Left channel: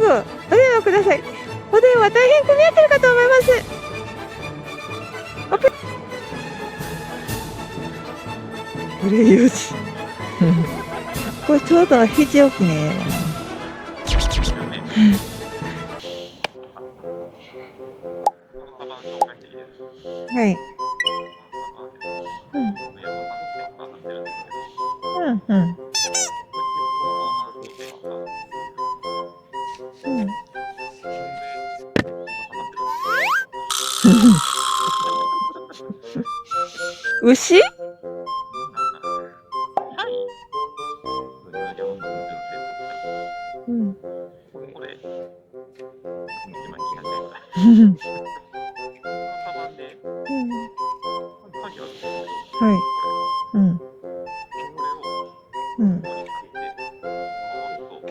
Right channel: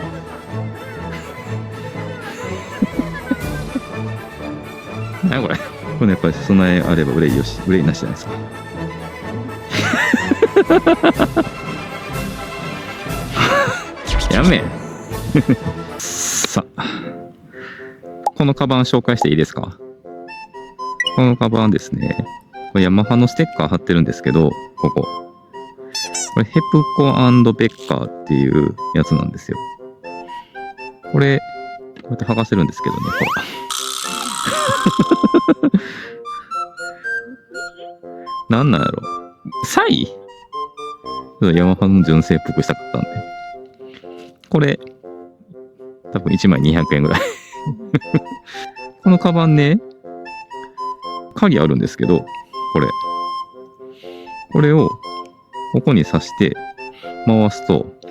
ぐお電話ください。お電話大変混み合ってるかと思います。何これ。これやっぱり備えあれば憂いよし、憂いなしじゃないですか。憂いよし。これちょうど非常機ね。やめ。さあ、このカバン紹介していいですか。はい。このカバンですね。これヤマハのステッカー貼ってるんですけど、ここ。うんうん。これヘプコ&ベッカーっていうやつなんですよ。これ、こうやって剥がせるんですけどね。牛？なんなんやろ。サイ？ヤマハの純正っぽくしたかったんで。これ、多分1枚200円ぐらい。このカバンね、鍵あるんですけど、これ。これを、ここに刺して回すと、ここ。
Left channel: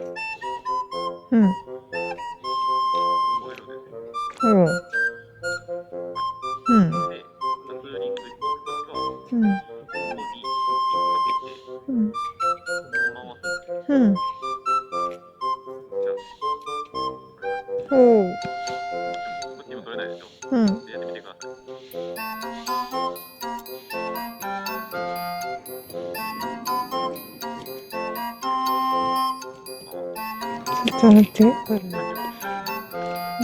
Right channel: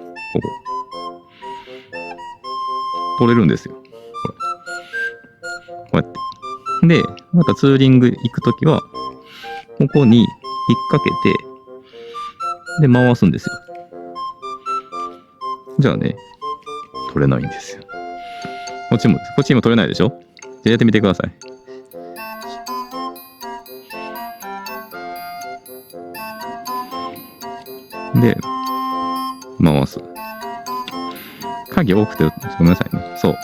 取れるんですよ。こうやって。で、またツーリング行くときは、ここに引っ掛けて、で、回すんですよ。じゃあね、取れないんですよ。こっちも取れないでしょ。じゃあやってみてください。で、回す。鍵多くて、ごめんなさいね。そう。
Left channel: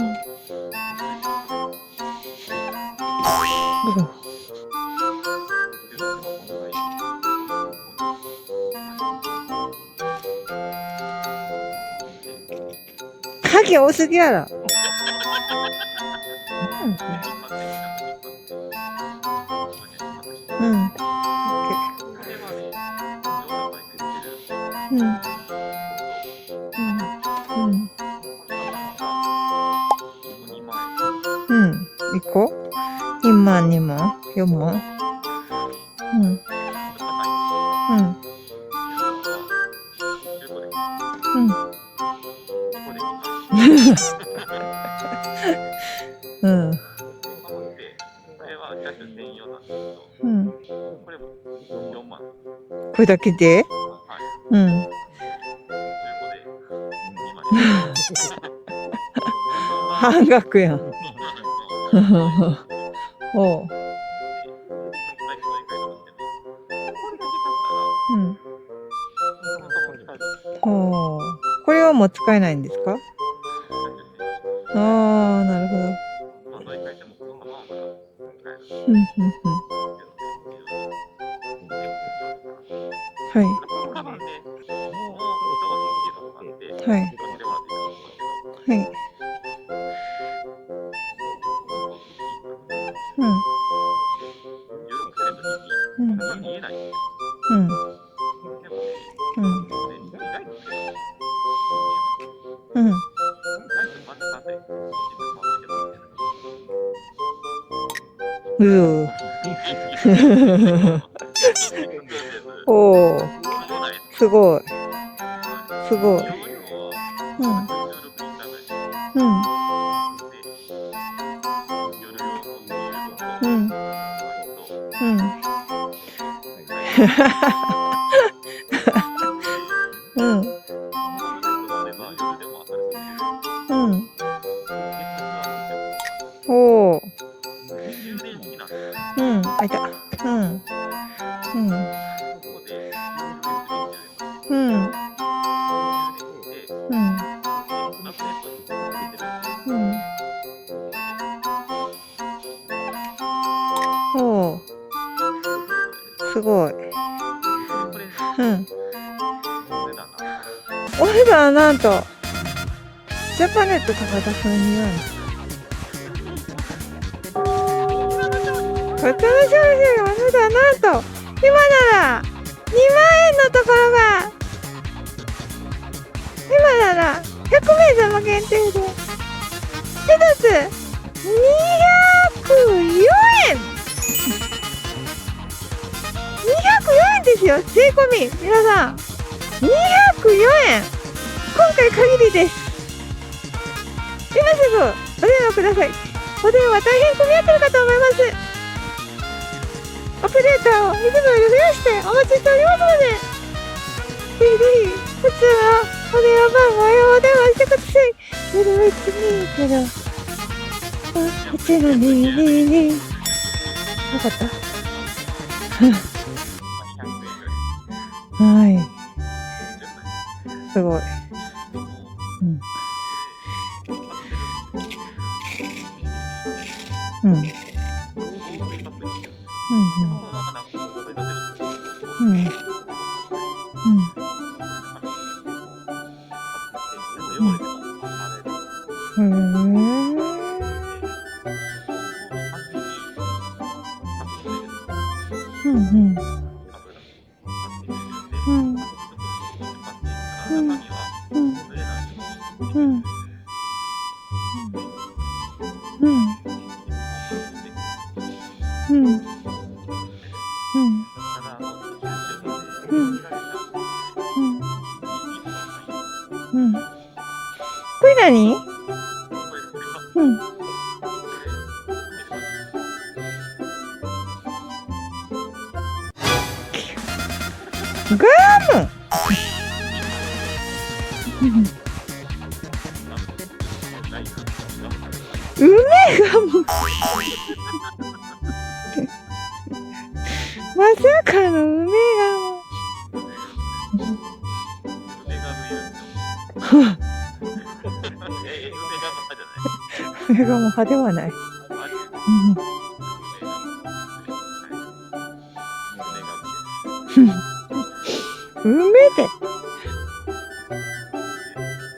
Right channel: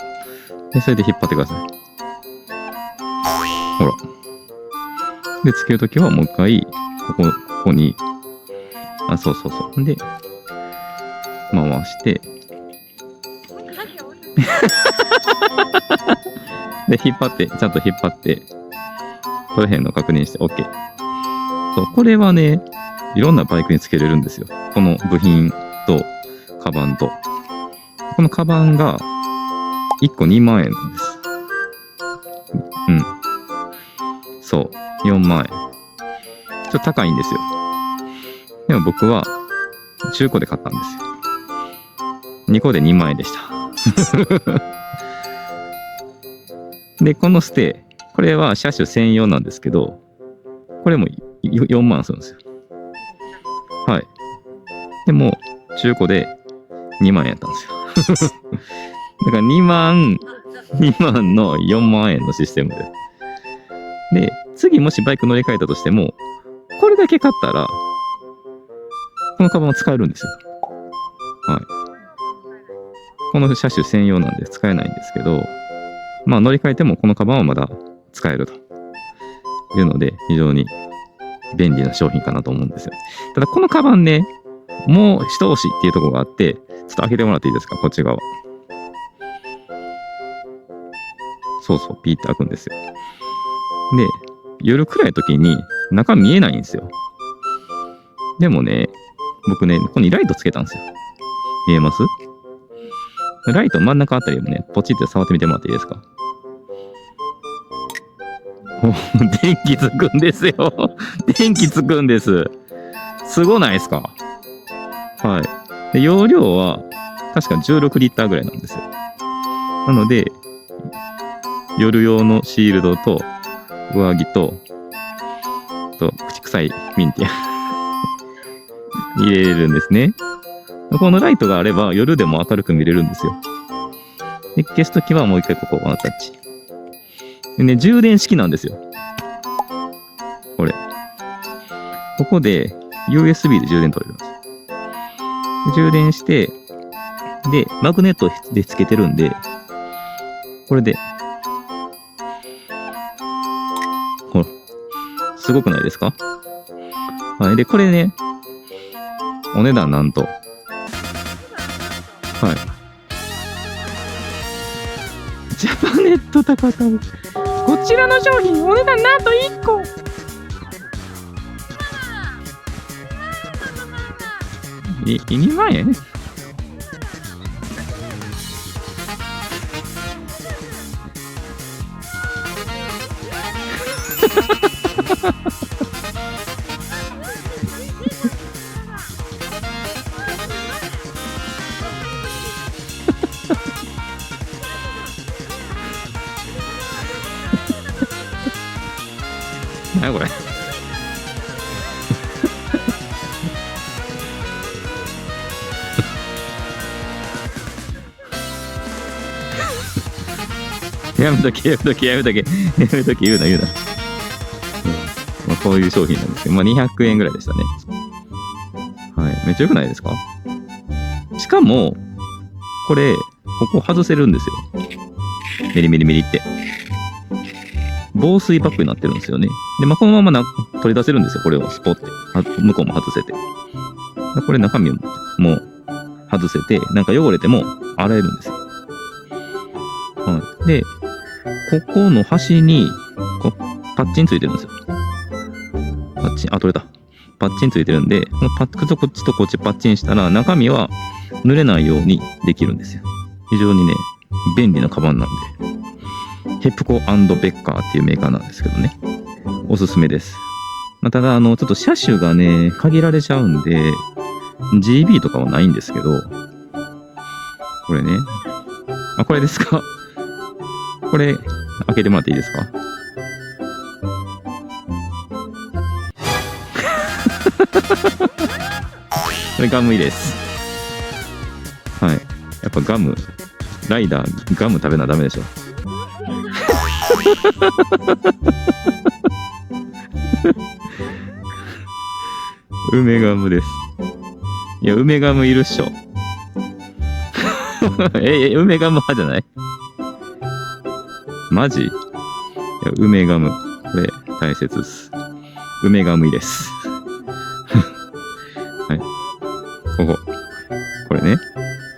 で、それで引っ張ってください。ほら。で、つけるときはもう一回、ここに、そう。で、回して。鍵多すぎやろ。で、ちゃんと引っ張って、取れへんの確認して OK。そう、これはね、いろんなバイクにつけれるんですよ。この部品と、カバンと。このカバンが、1個2万円なんです。1個？2万、2万？ 4万？そう、4万円。ちょっと高いんですよ。でも僕は、中古で買ったんですよ。2個で2万円でした。で、このステ、これは車種専用なんですけど、これも4万するんですよ。これだけで？はい。でも、中古で2万円やったんですよ。だから2万、半額やん。2万の4万円のシステムで。で、次もしバイク乗り換えたとしても、これだけ買ったら、このカバンを使えるんですよ。これはもう使えないんですか？この車種専用なんで使えないんですけど、まあ乗り換えてもこのカバンはまだ使えるというので、非常に便利な商品かなと思うんですよ。ただこのカバンね、もう一押しっていうところがあって、ちょっと開けてもらっていいですか、こっち側。そう、ピーって開くんですよ。で、夜暗い時に中見えないんですよ。でもね、僕ね、ここにライトつけたんですよ。見えます？ライト真ん中あたりをね、ポチって触ってみてもらっていいですか？電気つくんですよ。電気つくんです。すごないですか？すごい。はい。で、容量は確か16リッターぐらいなんですよ。なので、夜用のシールドと上着と、口臭い入れれるんですね。このライトがあれば夜でも明るく見れるんですよ。で、消すときはもう一回ここワンタッチ。でね、充電式なんですよ。これ。ここで USB で充電取れるんです。充電して、で、マグネットでつけてるんで、これで、すごくないですか？すごい。はい。で、これね、お値段なんと。お値段なんと。はい。ジャパネット高田さんね。ジャパネット高田さん。こちらの商品お値段なんと1個。お値段なんと今なら2万円のところが2万円？今なら100名様限定で1つ204円。204円ですよ。税込み皆さん204円。今回限りです。今すぐお電話ください。お電話大変混み合ってるかと思います。アスレーターをいつもより増やしてお待ちしておりますので、ぜひぜひ普通のお電話番号へお電話してください。やめとけ言うな。こういう商品なんですけど、200円ぐらいでしたね。はい。めっちゃ良くないですか？すごい。しかも、これ、ここ外せるんですよ。メリメリメリって。防水パックになってるんですよね。で、このまま取り出せるんですよ。これをスポッて。向こうも外せて。これ中身も外せて、なんか汚れても洗えるんですよ。で、ここの端にパッチンついてるんですよ。パッチン、取れた。パッチンついてるんで、このパックとこっちとこっちパッチンしたら、中身は濡れないようにできるんですよ。非常にね、便利なカバンなんで。ヘプコ&ベッカーっていうメーカーなんですけどね。おすすめです。ただ、ちょっと車種がね、限られちゃうんで、GB とかはないんですけど、これね。これ何？これですか？これ、開けてもらっていいですか？これガム入れです。やっぱガム、ライダー、ガム食べなダメでしょ。梅ガムまさかの梅ガム。梅ガムです。いや、梅ガムいるっしょ。梅ガム派じゃない？梅ガム派ではない。マジ？いや、梅ガム。これ、大切です。梅ガム入れです。梅で、これね、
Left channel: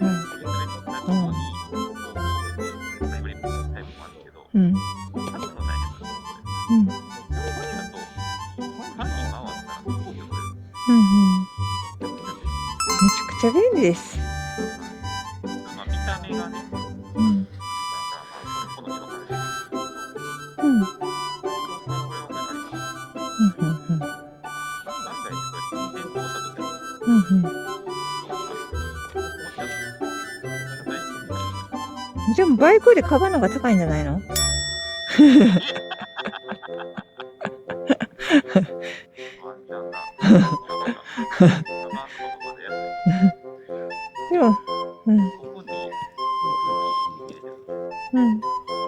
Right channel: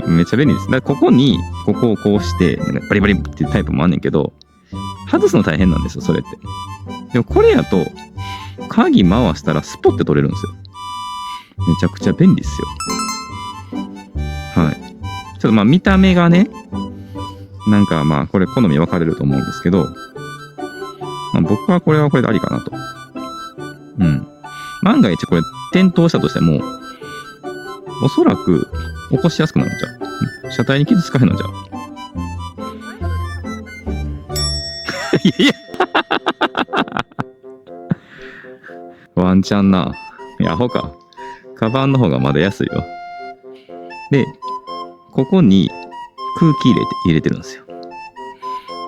めっちゃ便利です。だからここに、ここをこうして、バリバリっていうタイプもあんねんけど、外すの大変なんですよ、それって。でもこれやと、鍵回したらスポッて取れるんですよ。めちゃくちゃ便利ですよ。めちゃくちゃ便利です。ちょっと見た目がね、なんかこれ好み分かれると思うんですけど、僕はこれはこれでありかなと。万が一これ転倒したとしても、おそらく起こしやすくなるんちゃう？車体に傷つかへんのじゃう？でもバイクでカバンの方が高いんじゃないの？ワンチャンな。アホか。カバンの方がまだ安いよ。で、ここに空気入れてるんですよ。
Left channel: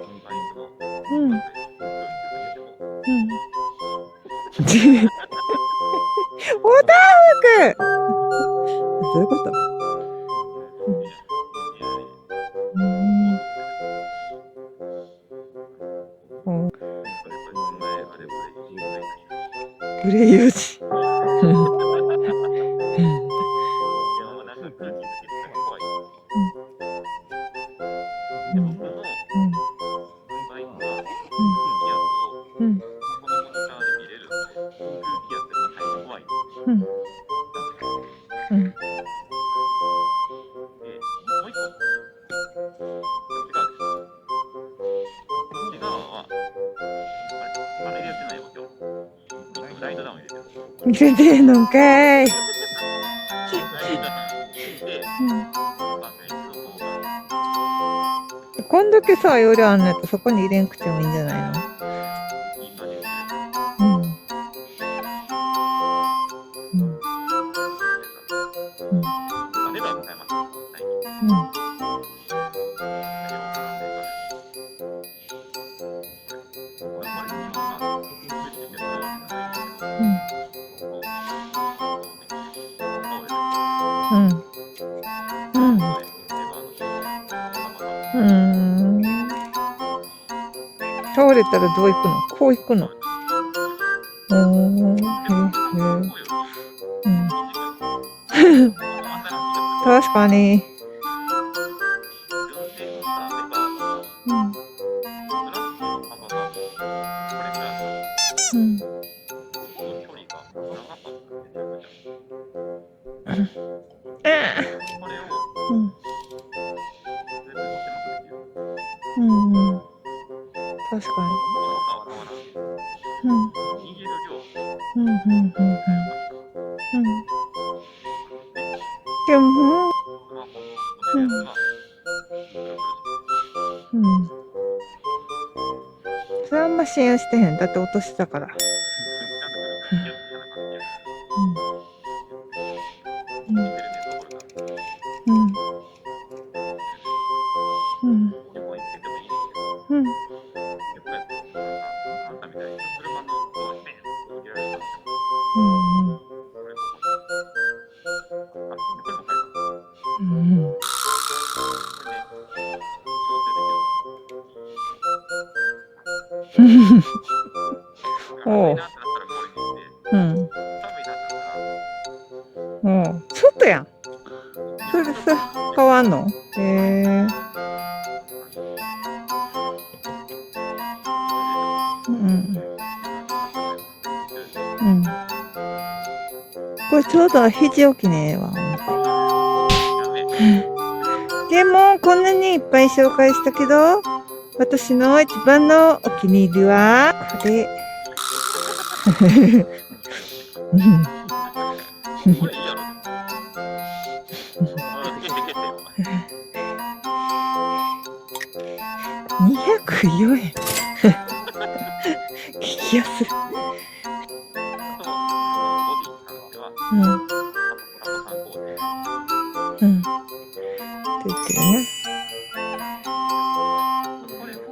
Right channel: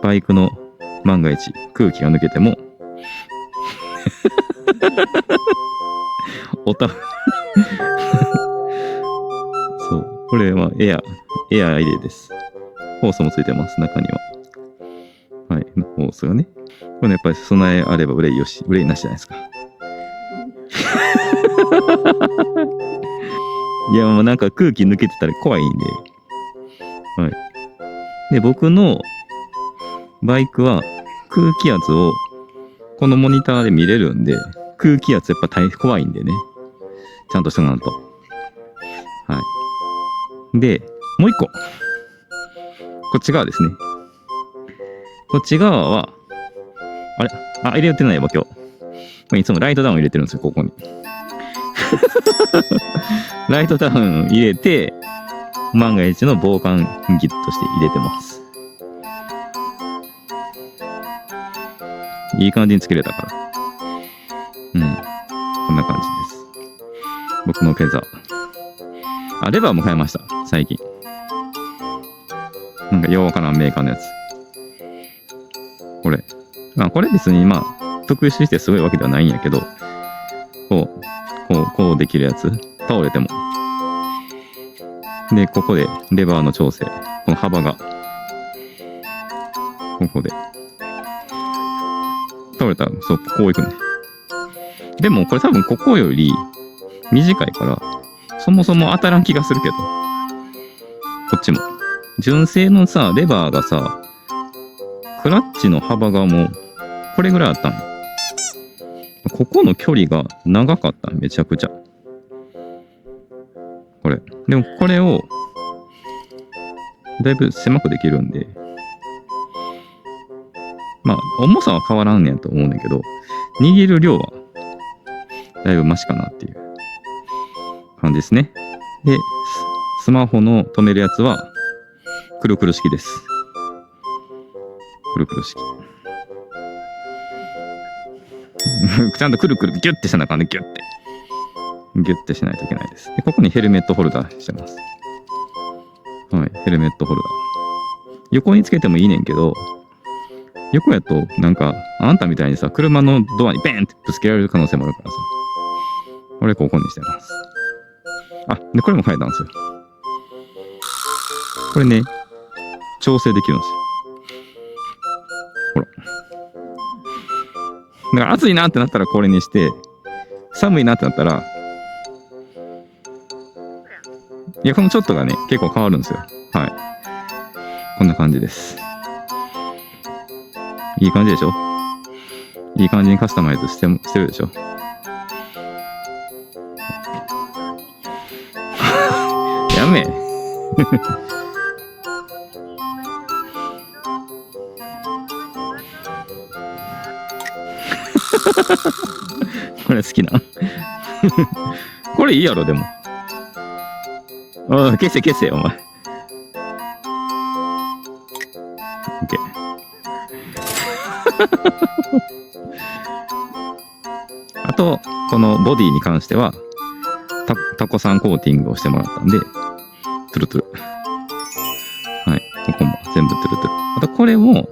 バイクの万が一空気が抜けても、おたふく。どういうこと？そう、これはエア入れです。ホースもついてます、中には。ホースがね。これやっぱり備えあれば憂いよし、憂いなしじゃないですか。憂いよし。いや、もうなんか空気抜けてたら怖いんで。で、僕のバイクは空気圧をこのモニターで見れるんで、空気圧やっぱ大変怖いんでね。ちゃんとしてもらうと。で、もう一個。こっち側ですね。こっち側は、入れてないわ、今日。いつもライトダウン入れてるんですよ、ここに。入れてんのかい。ライトダウン入れて、万が一の防寒ギットして入れてます。こんだけさ、容量あんのやったらそこに入れんくてもいいんじゃないの？いい感じにつけれたから。こんな感じです。僕のフェザー。レバーも買いました、最近。なんかようわからんメーカーのやつ。これ。これ別に特殊してすごいわけではないんやけど、こうできるやつ。倒れても。で、ここでレバーの調整。この幅が。ここで。倒れたらどういくの？こういくの？倒れたら、そう、こういくの。でもこれ多分ここより短いから、そもそも当たらん気がするけど。確かに。こっちも。純正のさ、レバーがさ、クラッチの幅がもう、これぐらいあったん。ここの距離が長かった、めちゃくちゃ。これ。でもこれを、だいぶ狭くできるんで、重さは変わらんねんと思うねんけど、握る量は、だいぶマシかなっていう感じですね。で、スマホの止めるやつは、くるくる式です。くるくる式。それはあんま信用してへん。だって落としたから。ちゃんとくるくるギュッてしなあかんね、ギュッて。ギュッてしないといけないです。で、ここにヘルメットホルダーしてます。ヘルメットホルダー。横につけてもいいねんけど、横やとなんかあんたみたいにさ車のドアにベーンってぶつけられる可能性もあるからさ、俺ここにしてます。あ、でこれも変えたんですよ。これね調整できるんですよ。ほら。だから暑いなってなったらこれにして、寒いなってなったら、ちょっとやん。いやこのちょっとがね結構変わるんですよ。はい。こんな感じです。いい感じでしょ。いい感じにカスタマイズしてるでしょ。これちょうど肘置きねえわ。やめ。でもこんなにいっぱい紹介したけど、私の一番のお気に入りはこれ。これ好きな。これいいやろでも。消せ消せお前。204円。激安。あとこのボディに関しては、タコさんコーティングをしてもらったんで、トゥルトゥル。はい、ここも全部トゥルトゥル。あとこれも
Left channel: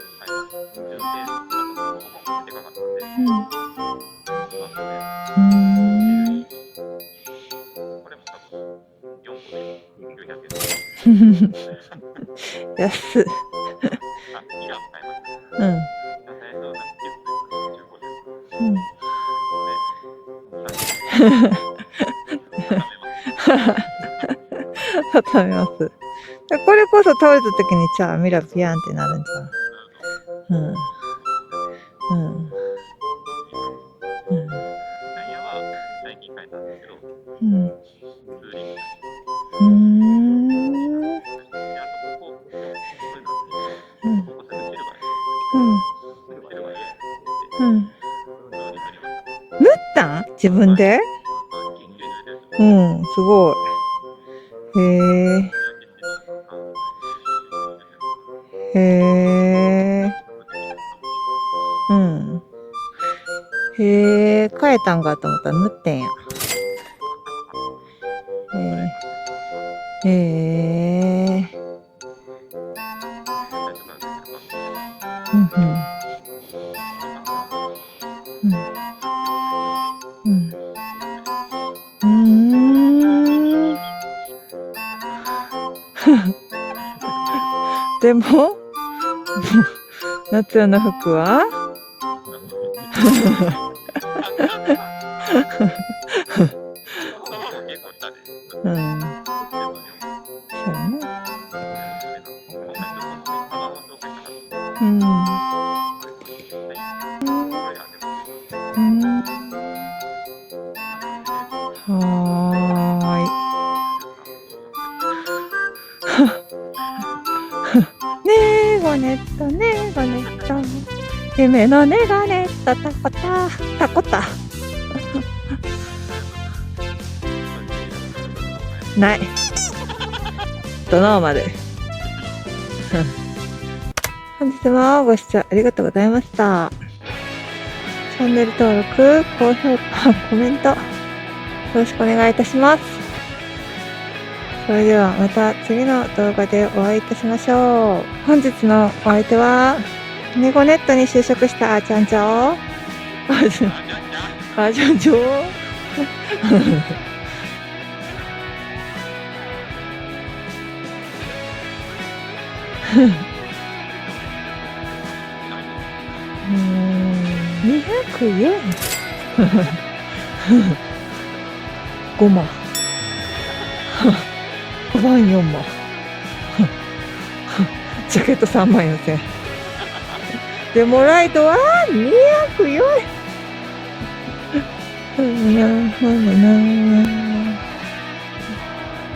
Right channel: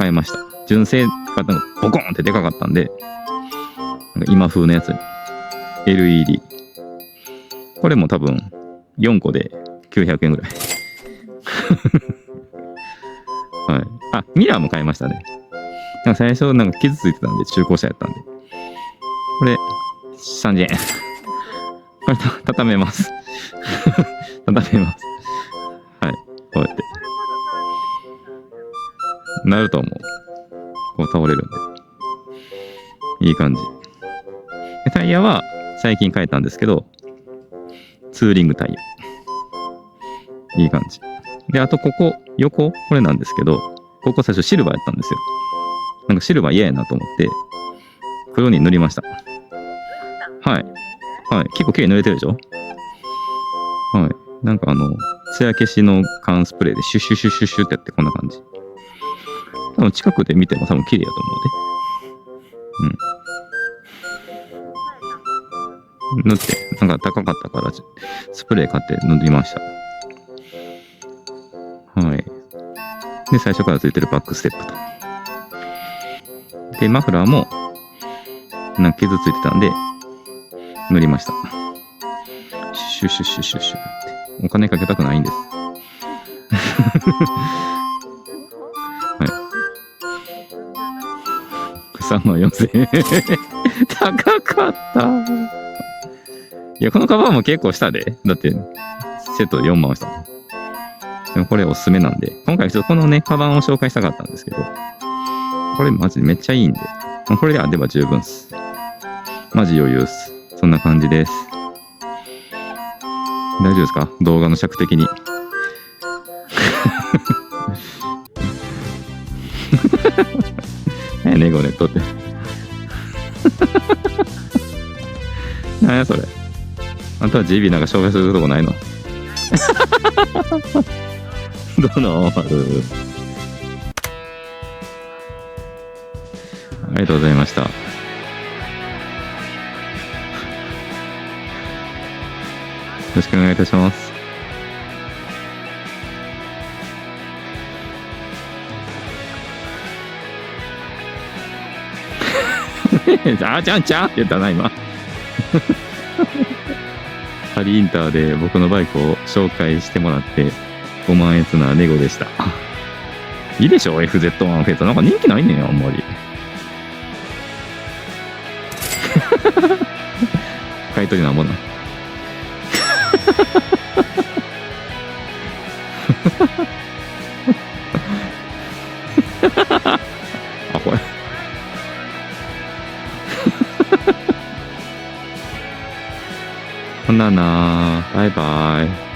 変えました。純正がボコンってでかかったんで、なんか今風のやつ LED。これも多分4個で900円ぐらい。安っ。はい。あ、ミラーも買いましたね。なんか最初なんか傷ついてたんで中古車やったんで。これ3000円。これ畳めます。畳めます。畳めます。はい。これこそ倒れた時にじゃあミラービヤンってなるんじゃない？なると思う。こう倒れるんで。いい感じ。タイヤは最近変えたんですけど、ツーリングタイヤ。いい感じ。で、あとここ、横、これなんですけど、ここ最初シルバーやったんですよ。なんかシルバー嫌やなと思って、黒に塗りました。塗ったん？自分で？はい。結構綺麗に塗れてるでしょ？すごい。はい。なんか艶消しの缶スプレーでシュッシュッシュッシュッシュッってやってこんな感じ。近くで見ても多分綺麗やと思うで。変えたんかと思ったら塗ってんや。塗って、なんか高かったからスプレー買って塗りました。はい。で、最初からついてるバックステップと。で、マフラーもなんか傷ついてたんで、塗りました。シュッシュッシュッシュッシュッシュッって。お金かけたくないんです。でも、夏用の服は34000円。高かった。いや、このカバンも結構したで。だって、セットで4万した。でもこれおすすめなんで、今回ちょっとこのね、カバンを紹介したかったんですけど、これマジでめっちゃいいんで、これであれば十分っす。マジ余裕っす。そんな感じです。大丈夫ですか？動画の尺的に。ゴネットねゴネット。ねのねゴネットタコタ。何やそれ。あんたは GB なんか紹介するとこないの？ない。もっとノーマル。ノーマル。本日もご視聴ありがとうございました。ありがとうございました。チャンネル登録、高評価、コメントよろしくお願いいたします。よろしくお願いいたします。それではまた次の動画でお会いいたしましょう。本日のお相手はネゴネットに就職したあちゃんちゃん。あちゃんちゃんって言ったらないの？あちゃんちゃん。ハリインターで僕のバイクを紹介してもらって5万円すなネゴでした。いいでしょ FZ1 フェイト。なんか人気ないねんあんまり。200円。買い取りなんぼな。5万。5万4万。ジャケット3万4000円。でもライトは204円。ほんななバイバイ。